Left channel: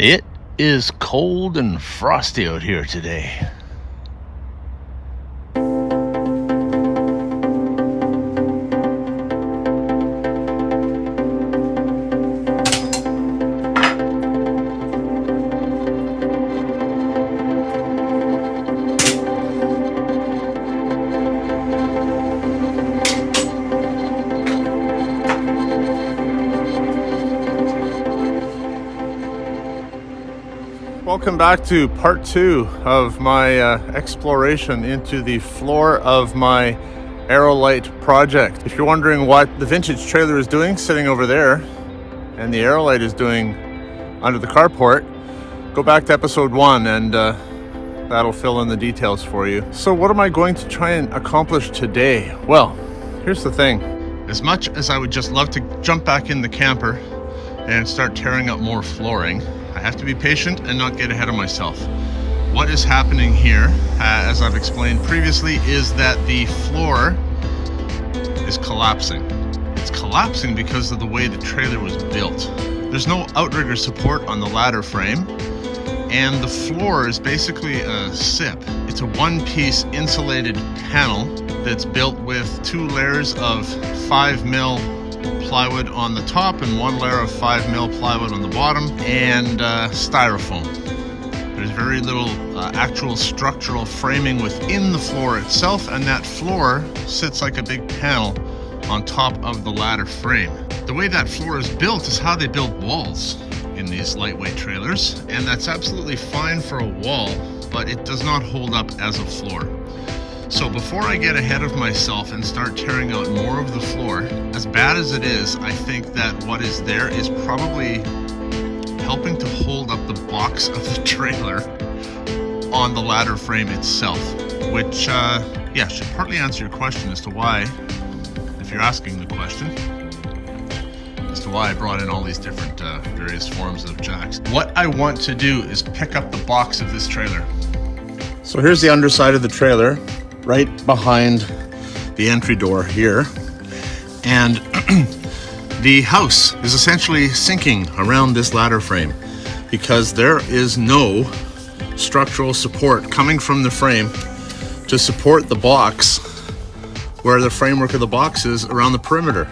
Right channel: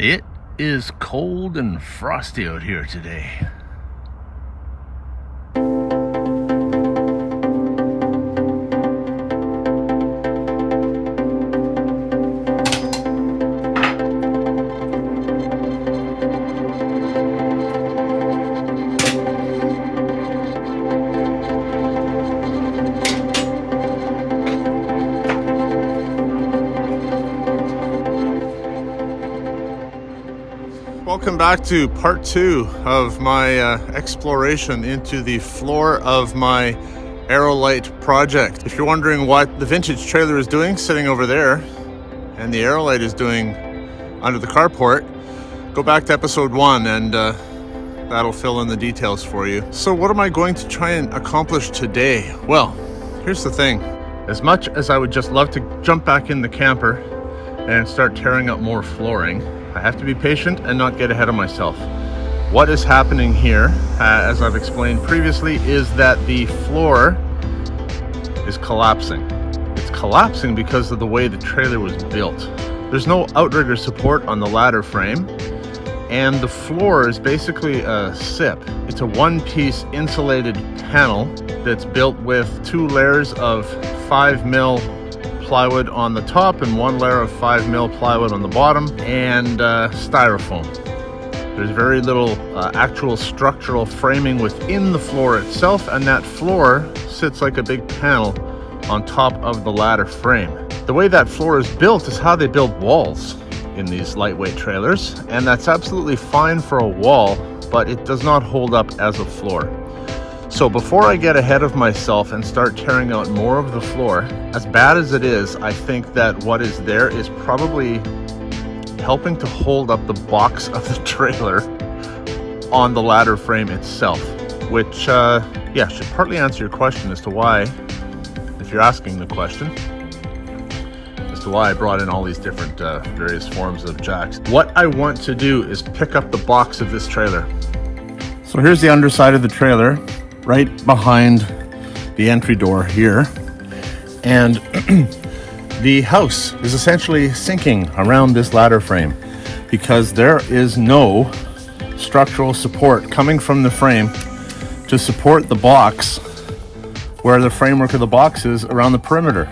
It is cold and frosty out here today. Welcome back to part 2 of my exploration into the floor of my AEROLITE project. If you're wondering what the vintage trailer is doing sitting over there and the AEROLITE is doing under the carport, go back to episode 1 and that'll fill in the details for you. So what am I going to try and accomplish today? Well, here's the thing. As much as I would just love to jump back in the camper and start tearing up more flooring, I have to be patient and not get ahead of myself. What is happening here, as I've explained previously, is that the floor is collapsing. It's collapsing because of the way the trailer was built. There's no outrigger support on the ladder frame, and the floor is basically a SIP. It's a one-piece insulated panel that's built with 2 layers of 5mm plywood on the top and 1 layer of 5mm plywood on the bottom, and styrofoam. There's very little actual structural framing within the floor itself, and that floor sits like a big panel on top of the ladder frame. The way that floor is built is how they build walls in these lightweight trailers, and that's absolutely fine for a wall, but it does not hold up as a floor. So before I get ahead of myself and start tearing out more of the floor, as bad as it is, I think that what is there is probably helping to hold up the box of the trailer on the ladder frame itself, which should partly answer your question as to why, if you're asking the question, as to why I brought in all these different various forms of jacks. What I want to do is pick up the box of this trailer. So here's the underside of the trailer, right behind the entry door here, and the house is essentially sinking around this ladder frame because there is no structural support coming from the frame to support the box where the framework of the box is around the perimeter.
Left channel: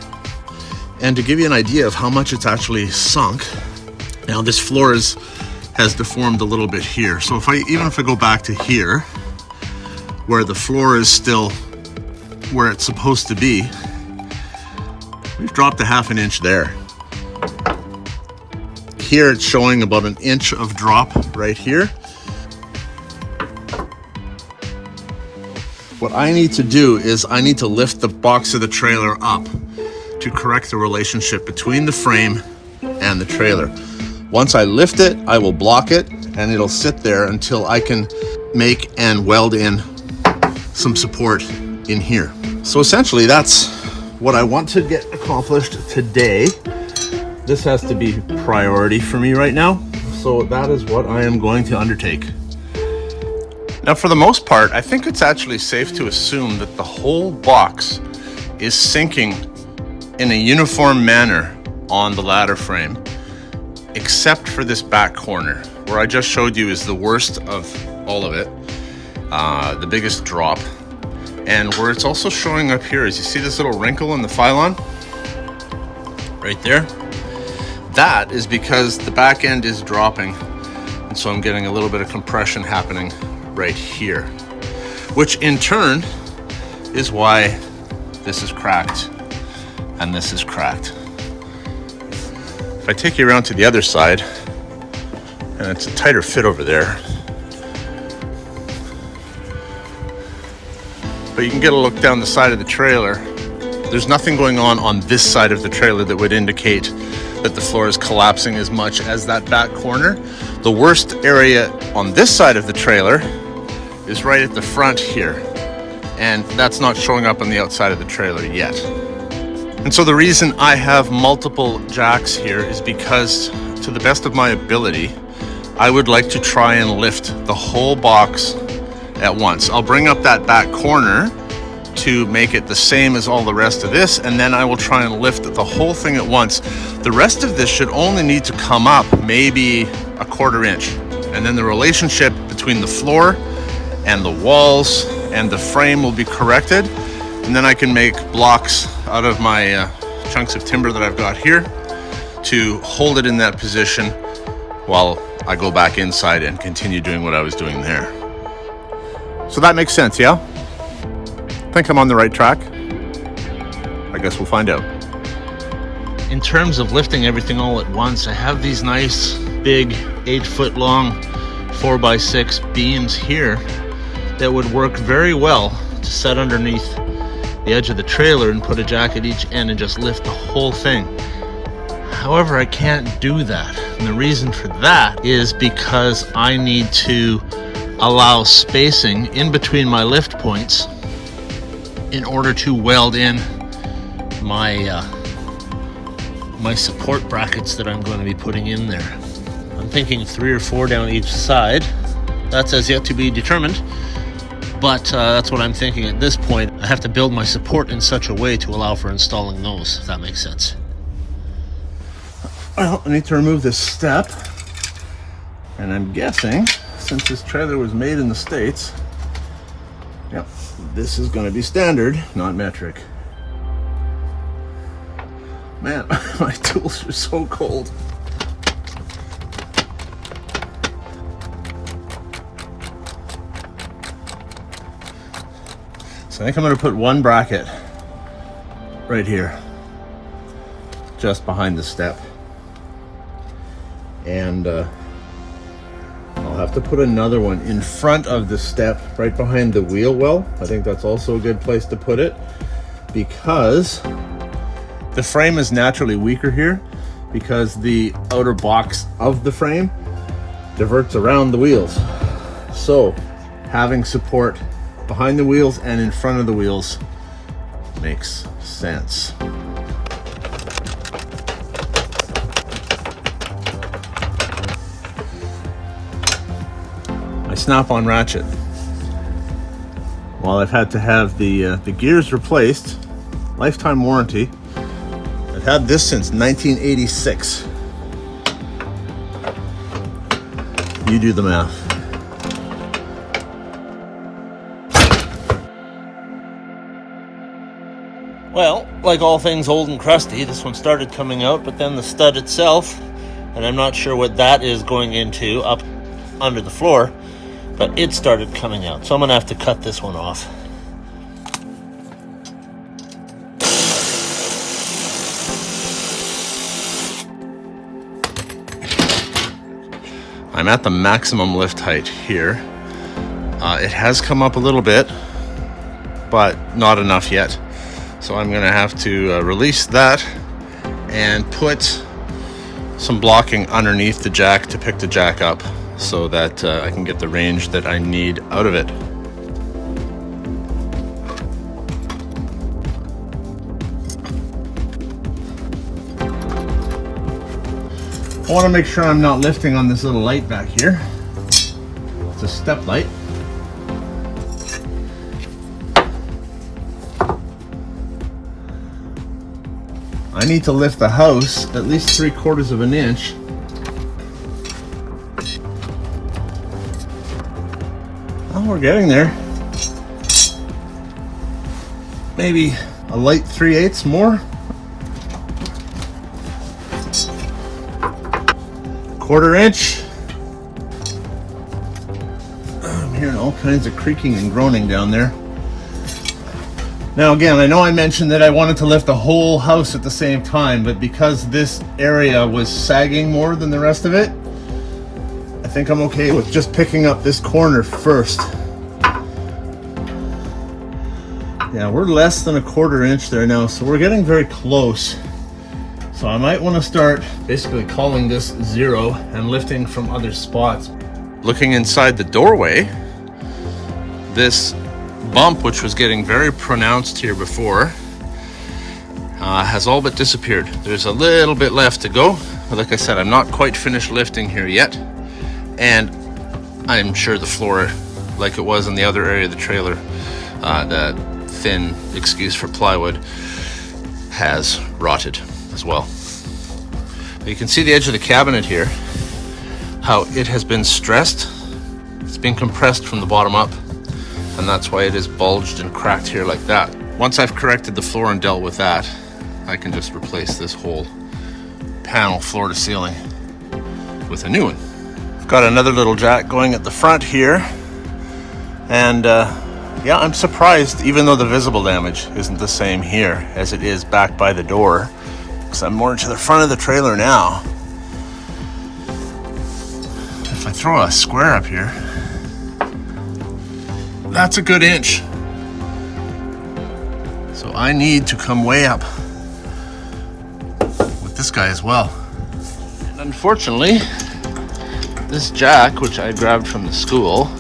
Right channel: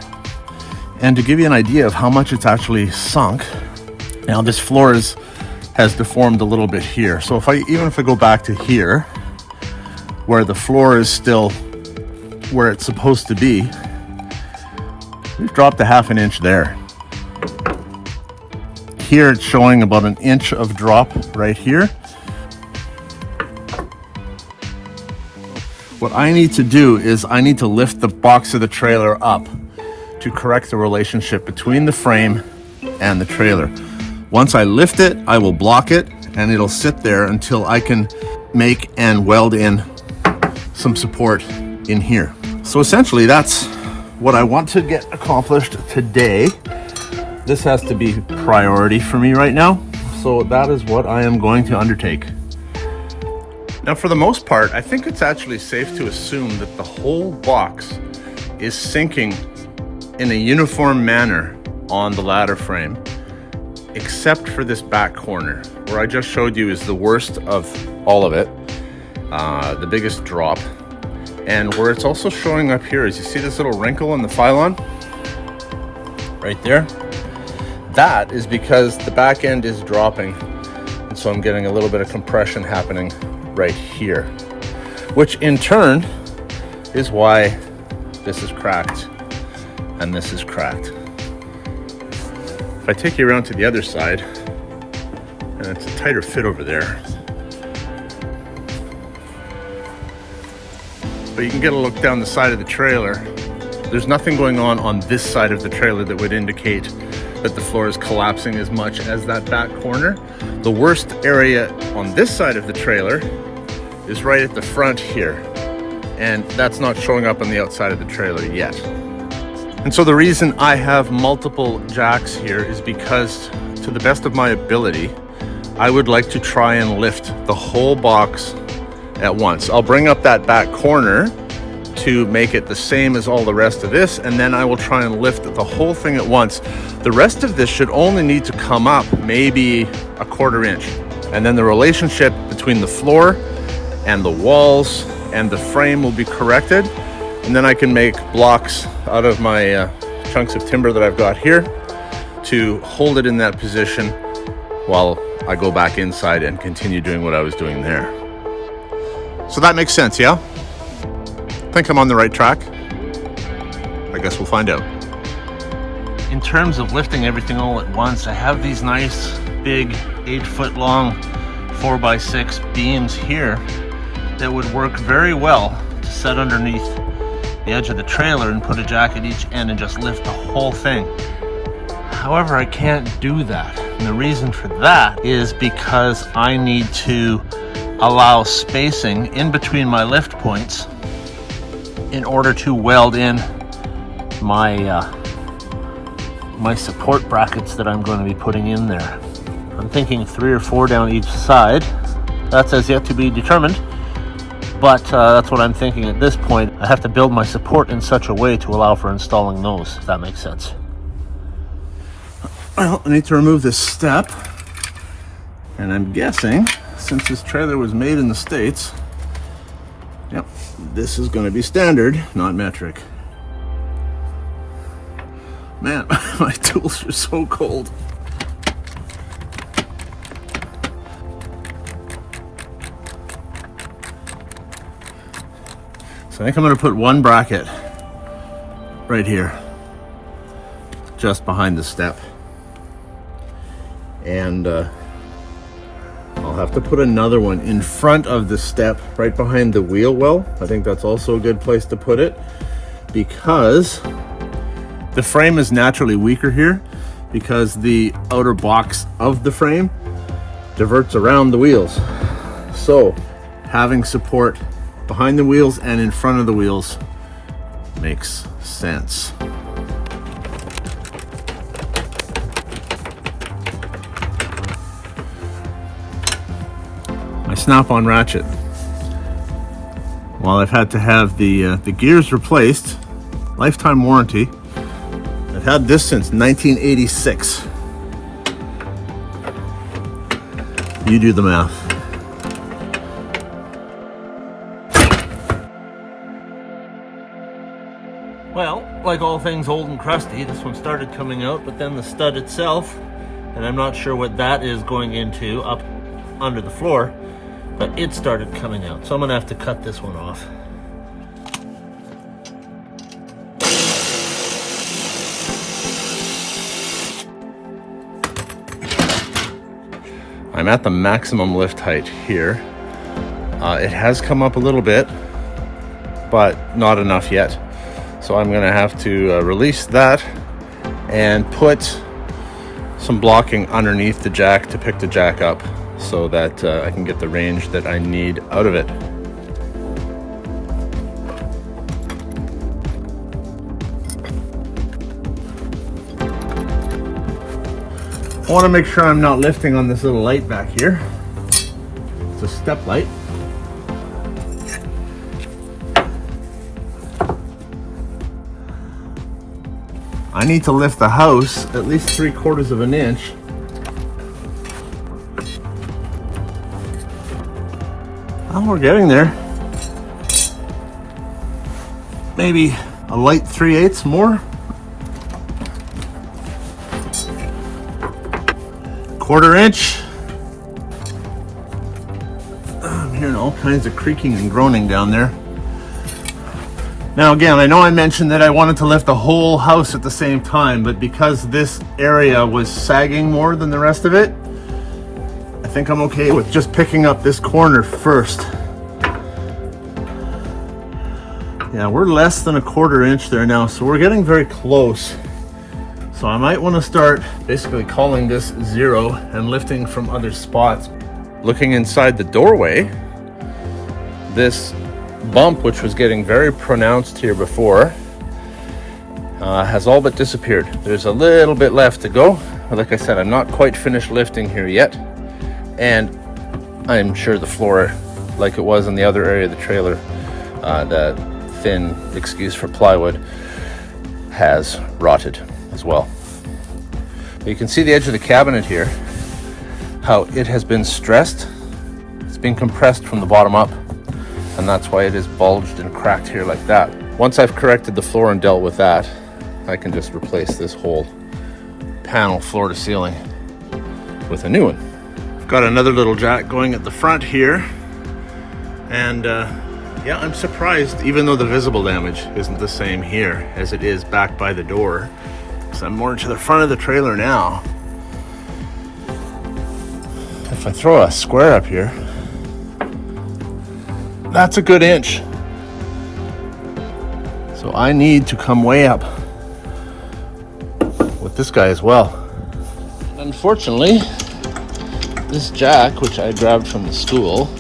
And to give you an idea of how much it's actually sunk, now this floor has deformed a little bit here. So even if I go back to here, where the floor is still where it's supposed to be, we've dropped a ½ an inch there. Here it's showing about 1 inch of drop right here. What I need to do is I need to lift the box of the trailer up to correct the relationship between the frame and the trailer. Once I lift it, I will block it and it'll sit there until I can make and weld in some support in here. So essentially that's what I want to get accomplished today. This has to be priority for me right now. So that is what I am going to undertake. Now for the most part, I think it's actually safe to assume that the whole box is sinking in a uniform manner on the ladder frame, except for this back corner, where I just showed you is the worst of all of it. The biggest drop, and where it's also showing up here is, you see this little wrinkle in the pylon right there? That is because the back end is dropping, and so I'm getting a little bit of compression happening right here, which in turn is why this is cracked and this is cracked. If I take you around to the other side, and it's a tighter fit over there, but you can get a look down the side of the trailer. There's nothing going on this side of the trailer that would indicate that the floor is collapsing as much as that back corner. The worst area on this side of the trailer is right at the front here, and that's not showing up on the outside of the trailer yet. And so the reason I have multiple jacks here is because, to the best of my ability, I would like to try and lift the whole box at once. I'll bring up that back corner to make it the same as all the rest of this, and then I will try and lift the whole thing at once. The rest of this should only need to come up maybe a 1/4 inch, and then the relationship between the floor and the walls and the frame will be corrected, and then I can make blocks out of my chunks of timber that I've got here to hold it in that position while I go back inside and continue doing what I was doing there. So that makes sense, yeah? I think I'm on the right track. I guess we'll find out. In terms of lifting everything all at once, I have these nice big 8-foot long 4x6 beams here that would work very well to set underneath the edge of the trailer and put a jack at each end and just lift the whole thing. However, I can't do that. And the reason for that is because I need to allow spacing in between my lift points in order to weld in my my support brackets that I'm going to be putting in there. I'm thinking 3 or 4 down each side. That's as yet to be determined, but that's what I'm thinking at this point. I have to build my support in such a way to allow for installing those, if that makes sense. Well, I need to remove this step, and I'm guessing, since this trailer was made in the States, yep, this is going to be standard, not metric. Man, my tools are so cold. So I think I'm going to put one bracket right here, just behind the step. And I'll have to put another one in front of the step right behind the wheel well. I think that's also a good place to put it, because the frame is naturally weaker here because the outer box of the frame diverts around the wheels. So having support behind the wheels and in front of the wheels makes sense. Snap-on ratchet. While I've had to have the gears replaced, lifetime warranty, I've had this since 1986. You do the math. Well, like all things old and crusty, this one started coming out, but then the stud itself, and I'm not sure what that is going into up under the floor, but it started coming out. So I'm gonna have to cut this one off. I'm at the maximum lift height here. It has come up a little bit, but not enough yet. So I'm gonna have to release that and put some blocking underneath the jack to pick the jack up, so that I can get the range that I need out of it. I want to make sure I'm not lifting on this little light back here. It's a step light. I need to lift the house at least 3/4 of an inch. We're getting there. Maybe a light 3/8 more. 1/4 inch. I'm hearing all kinds of creaking and groaning down there. Now again, I know I mentioned that I wanted to lift the whole house at the same time, but because this area was sagging more than the rest of it, I think I'm okay with just picking up this corner first. Yeah, we're less than a 1/4 inch there now, so we're getting very close. So I might want to start basically calling this 0 and lifting from other spots. Looking inside the doorway, this bump, which was getting very pronounced here before, has all but disappeared. There's a little bit left to go. Like I said, I'm not quite finished lifting here yet, and I'm sure the floor, like it was in the other area of the trailer, the thin excuse for plywood has rotted as well. But you can see the edge of the cabinet here, how it has been stressed. It's been compressed from the bottom up, and that's why it is bulged and cracked here like that. Once I've corrected the floor and dealt with that, I can just replace this whole panel floor to ceiling with a new one. I've got another little jack going at the front here, and yeah, I'm surprised, even though the visible damage isn't the same here as it is back by the door, because I'm more to the front of the trailer now. If I throw a square up here, that's a good inch. So I need to come way up with this guy as well. And unfortunately, this jack, which I grabbed from the school,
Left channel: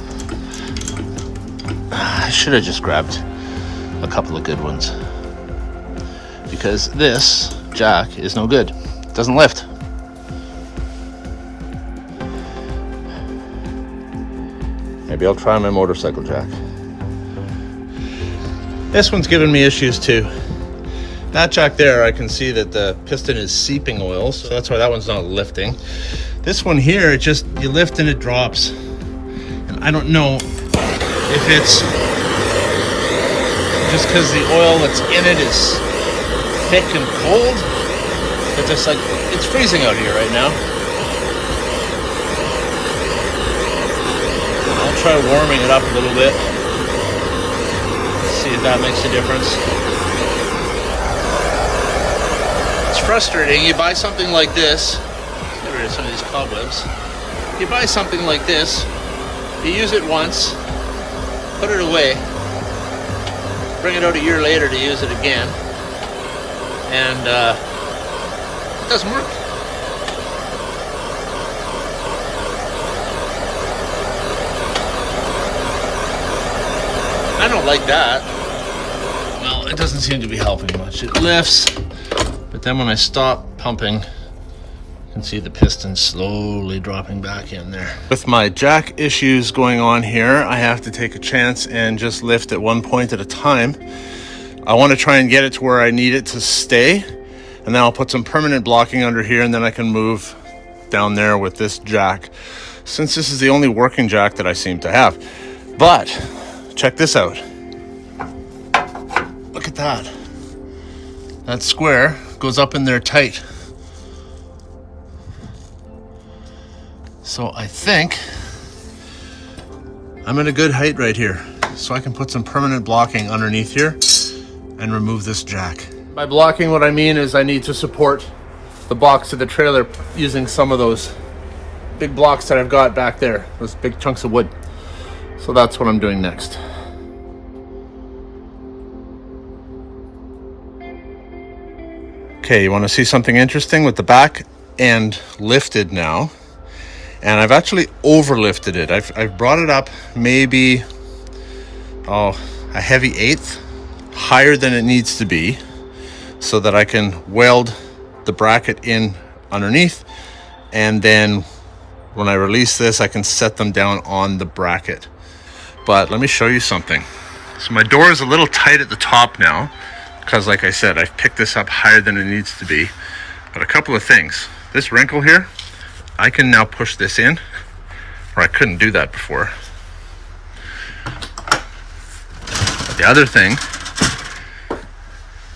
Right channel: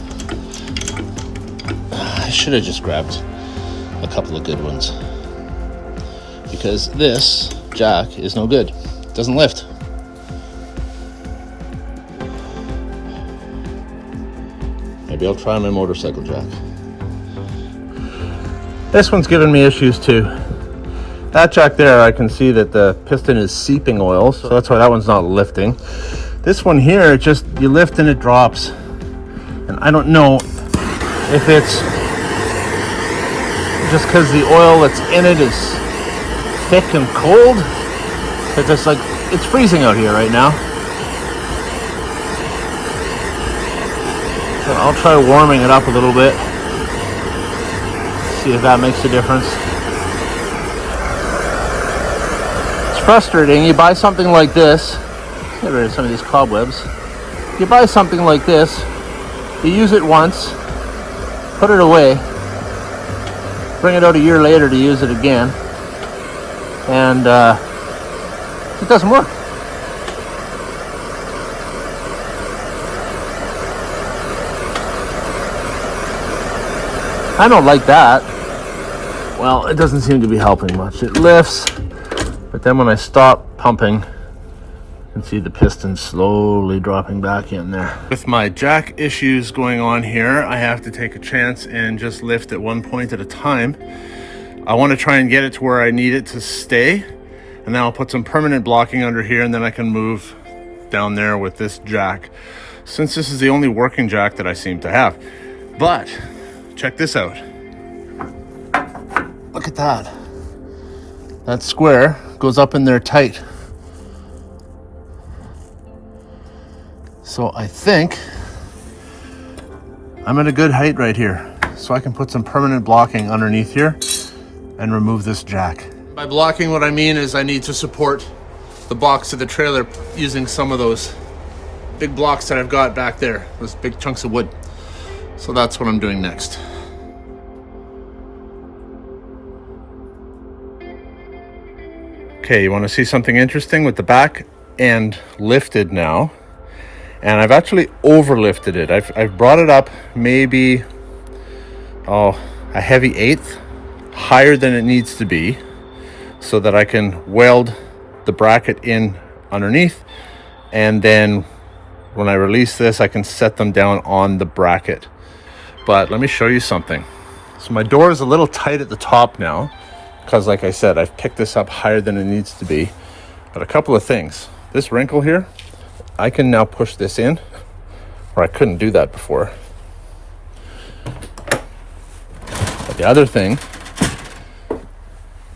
I should have just grabbed a couple of good ones, because this jack is no good. It doesn't lift. Maybe I'll try my motorcycle jack. This one's giving me issues too. That jack there, I can see that the piston is seeping oil, so that's why that one's not lifting. This one here, it just, you lift and it drops. And I don't know if it's just because the oil that's in it is thick and cold. It's just like, it's freezing out here right now. So I'll try warming it up a little bit. See if that makes a difference. It's frustrating. You buy something like this. Get rid of some of these cobwebs. You buy something like this, you use it once, put it away, bring it out a year later to use it again, and it doesn't work. I don't like that. Well, it doesn't seem to be helping much. It lifts, but then when I stop pumping, you can see the piston slowly dropping back in there. With my jack issues going on here, I have to take a chance and just lift at one point at a time. I want to try and get it to where I need it to stay, and then I'll put some permanent blocking under here, and then I can move down there with this jack, since this is the only working jack that I seem to have. But check this out. Look at that. That square goes up in there tight. So I think I'm at a good height right here. So I can put some permanent blocking underneath here and remove this jack. By blocking, what I mean is I need to support the box of the trailer using some of those big blocks that I've got back there, those big chunks of wood. So that's what I'm doing next. Okay, you want to see something interesting with the back end lifted now? And I've actually overlifted it. I've brought it up maybe, a heavy eighth higher than it needs to be, so that I can weld the bracket in underneath, and then when I release this, I can set them down on the bracket. But let me show you something. So my door is a little tight at the top now, because like I said, I've picked this up higher than it needs to be. But a couple of things. This wrinkle here, I can now push this in, or I couldn't do that before. But the other thing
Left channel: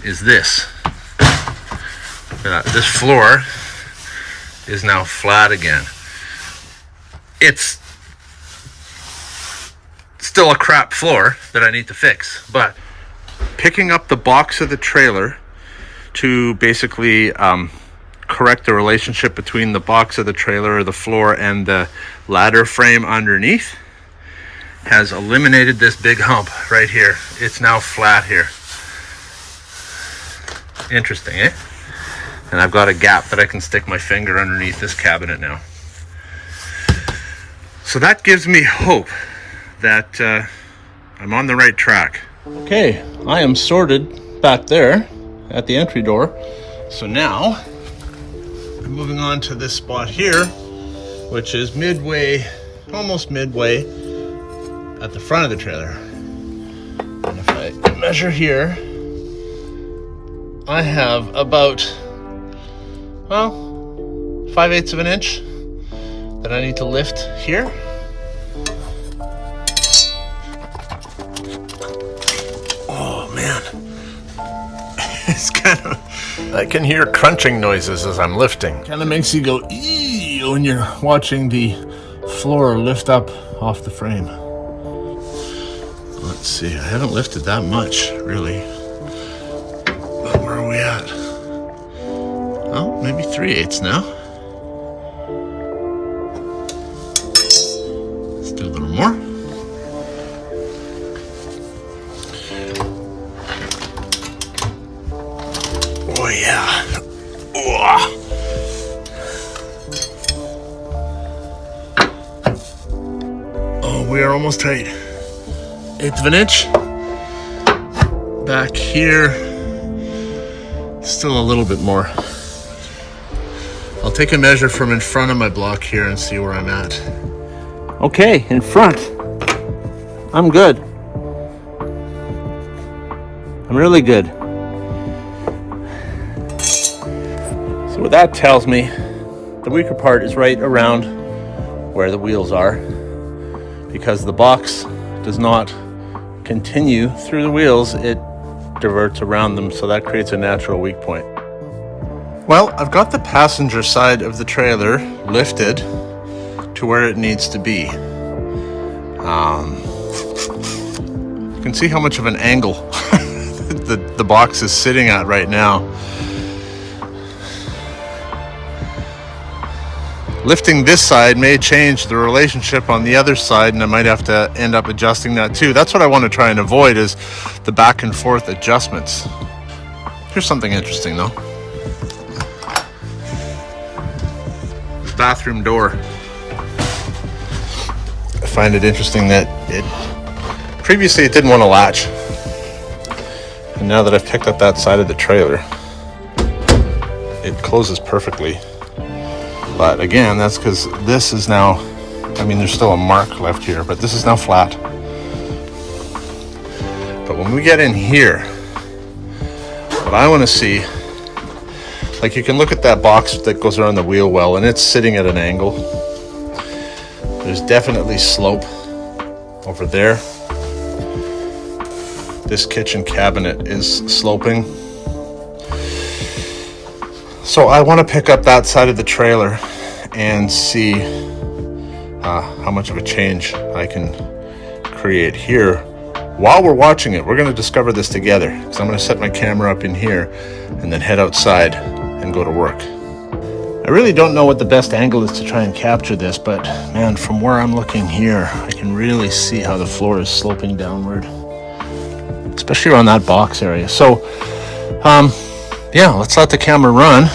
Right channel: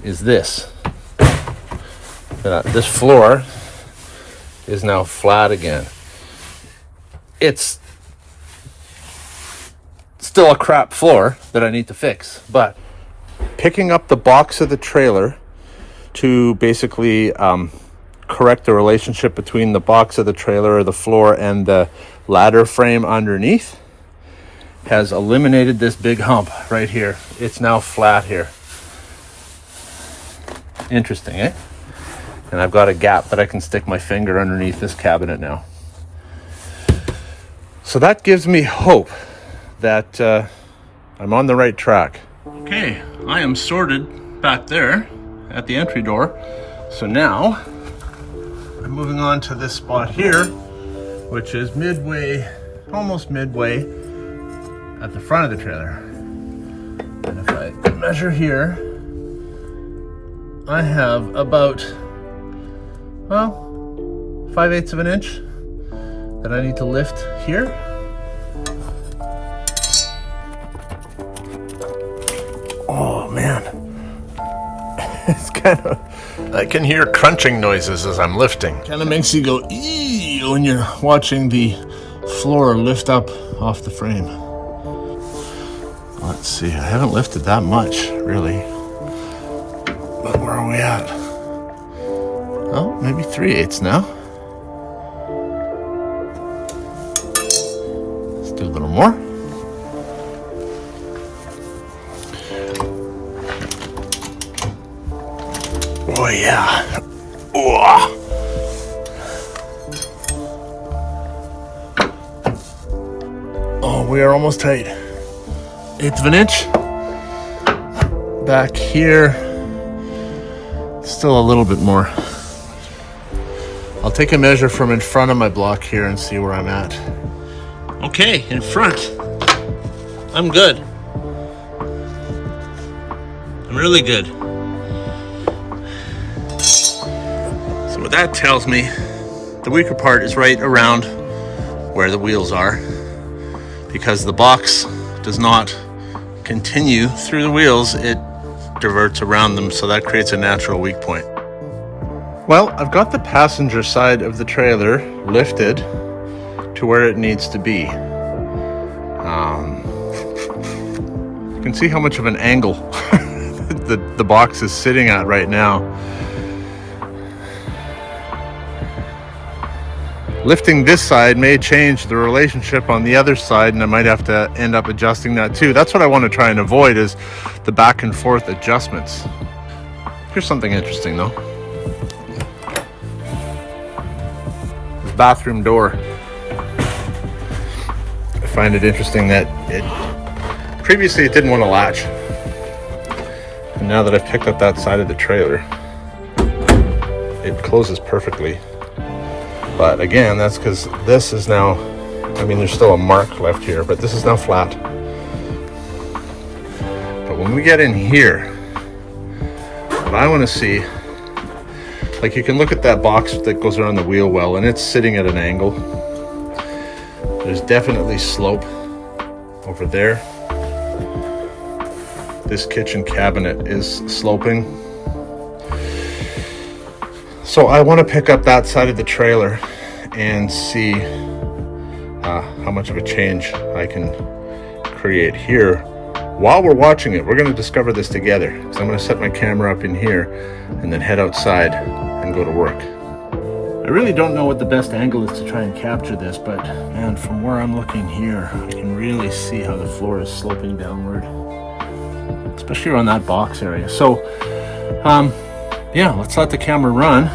is this. This floor is now flat again. It's still a crap floor that I need to fix, but picking up the box of the trailer to basically correct the relationship between the box of the trailer or the floor and the ladder frame underneath has eliminated this big hump right here. It's now flat here. Interesting, eh? And I've got a gap that I can stick my finger underneath this cabinet now. So that gives me hope that I'm on the right track. Okay, I am sorted back there at the entry door. So now I'm moving on to this spot here, which is midway, almost midway at the front of the trailer. And if I get measure here. I have about, well, 5/8 of an inch that I need to lift here. Oh man, it's kind of, I can hear crunching noises as I'm lifting. Kind of makes you go ee when you're watching the floor lift up off the frame. Let's see, I haven't lifted that much really. But where are we at? Oh, maybe 3/8 now. Let's do a little more. Oh yeah. Oh. Oh, we are almost tight. 1/8 of an inch. Back here, still a little bit more. I'll take a measure from in front of my block here and see where I'm at. Okay, in front, I'm good. I'm really good. So what that tells me, the weaker part is right around where the wheels are, because the box does not continue through the wheels, it diverts around them, so that creates a natural weak point. Well, I've got the passenger side of the trailer lifted to where it needs to be. You can see how much of an angle the box is sitting at right now. Lifting this side may change the relationship on the other side, and I might have to end up adjusting that too. That's what I want to try and avoid, is the back and forth adjustments. Here's something interesting though. This bathroom door. I find it interesting that previously it didn't want to latch. And now that I've picked up that side of the trailer, it closes perfectly. But again, that's because this is now, I mean, there's still a mark left here, but this is now flat. But when we get in here, what I want to see, like you can look at that box that goes around the wheel well, and it's sitting at an angle. There's definitely slope over there. This kitchen cabinet is sloping. So I want to pick up that side of the trailer and see how much of a change I can create here. While we're watching it, we're going to discover this together. So I'm going to set my camera up in here and then head outside and go to work. I really don't know what the best angle is to try and capture this, but man, from where I'm looking here, I can really see how the floor is sloping downward, especially around that box area. So, yeah, let's let the camera run.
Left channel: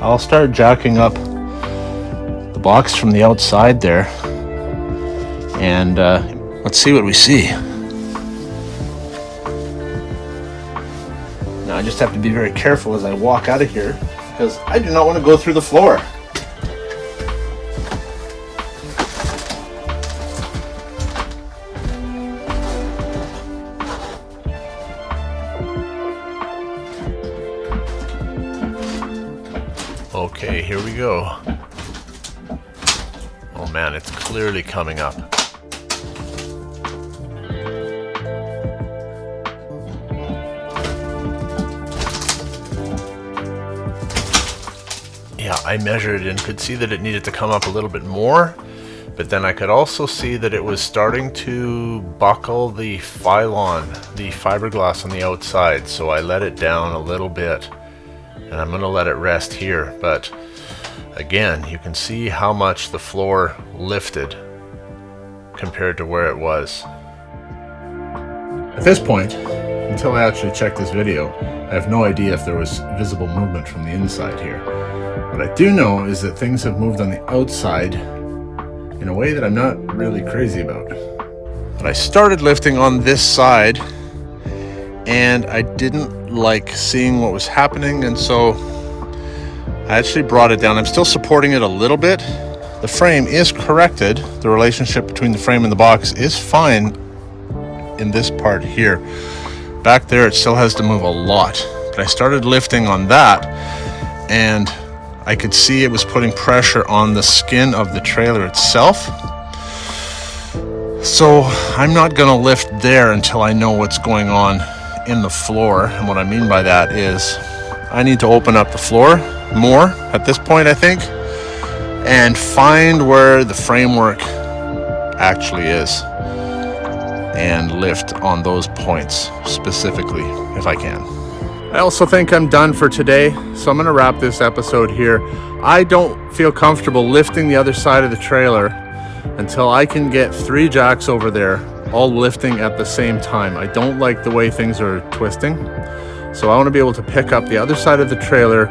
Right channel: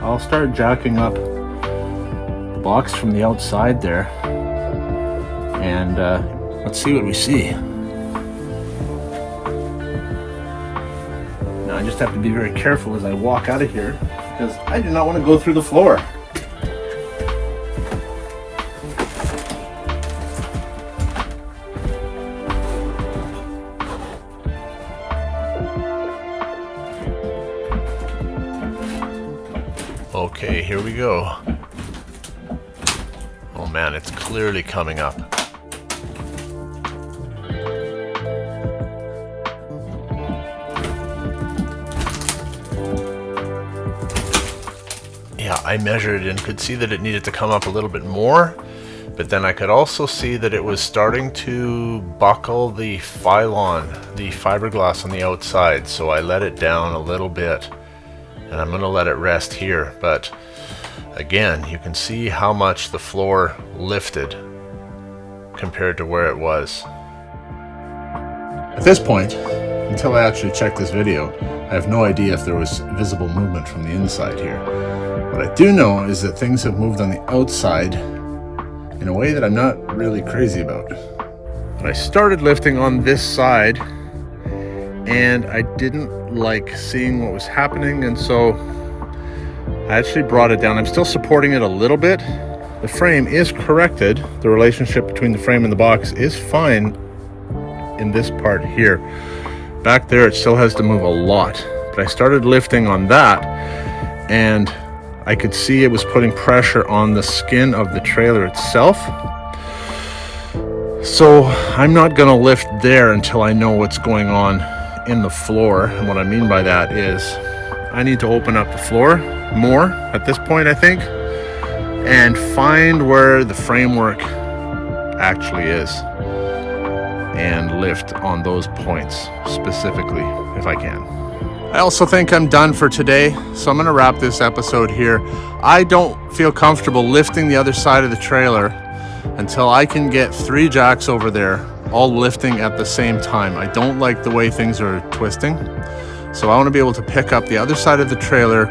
I'll start jacking up the box from the outside there, and let's see what we see. Now I just have to be very careful as I walk out of here, because I do not want to go through the floor. Okay, here we go. Oh man, it's clearly coming up. Yeah, I measured and could see that it needed to come up a little bit more, but then I could also see that it was starting to buckle the Phylon, the fiberglass on the outside, so I let it down a little bit. And I'm going to let it rest here, but again, you can see how much the floor lifted compared to where it was. At this point, until I actually check this video, I have no idea if there was visible movement from the inside here. What I do know is that things have moved on the outside in a way that I'm not really crazy about. But I started lifting on this side, and I didn't like seeing what was happening, and so I actually brought it down. I'm still supporting it a little bit. The frame is corrected. The relationship between the frame and the box is fine in this part here, Back there it still has to move a lot, but I started lifting on that and I could see it was putting pressure on the skin of the trailer itself. So I'm not gonna lift there until I know what's going on in the floor. And what I mean by that is I need to open up the floor more at this point, I think, and find where the framework actually is and lift on those points specifically if I can. I also think I'm done for today, so I'm gonna wrap this episode here. I don't feel comfortable lifting the other side of the trailer until I can get 3 jacks over there, all lifting at the same time. I don't like the way things are twisting, so I wanna be able to pick up the other side of the trailer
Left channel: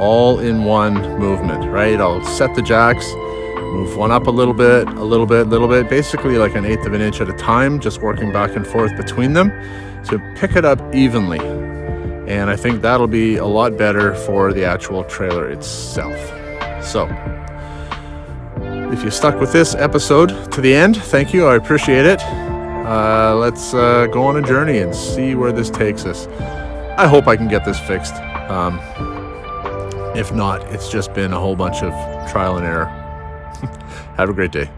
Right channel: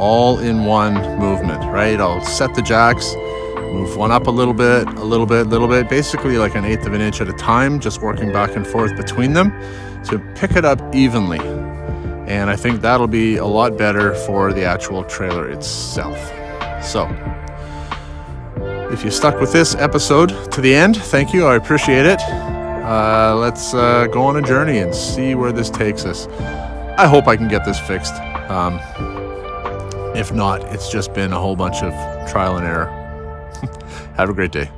all in one movement, right? I'll set the jacks, move one up a little bit, basically like 1/8 of an inch at a time, just working back and forth between them to pick it up evenly. And I think that'll be a lot better for the actual trailer itself. So, if you stuck with this episode to the end, thank you, I appreciate it. Let's go on a journey and see where this takes us. I hope I can get this fixed. If not, it's just been a whole bunch of trial and error. Have a great day.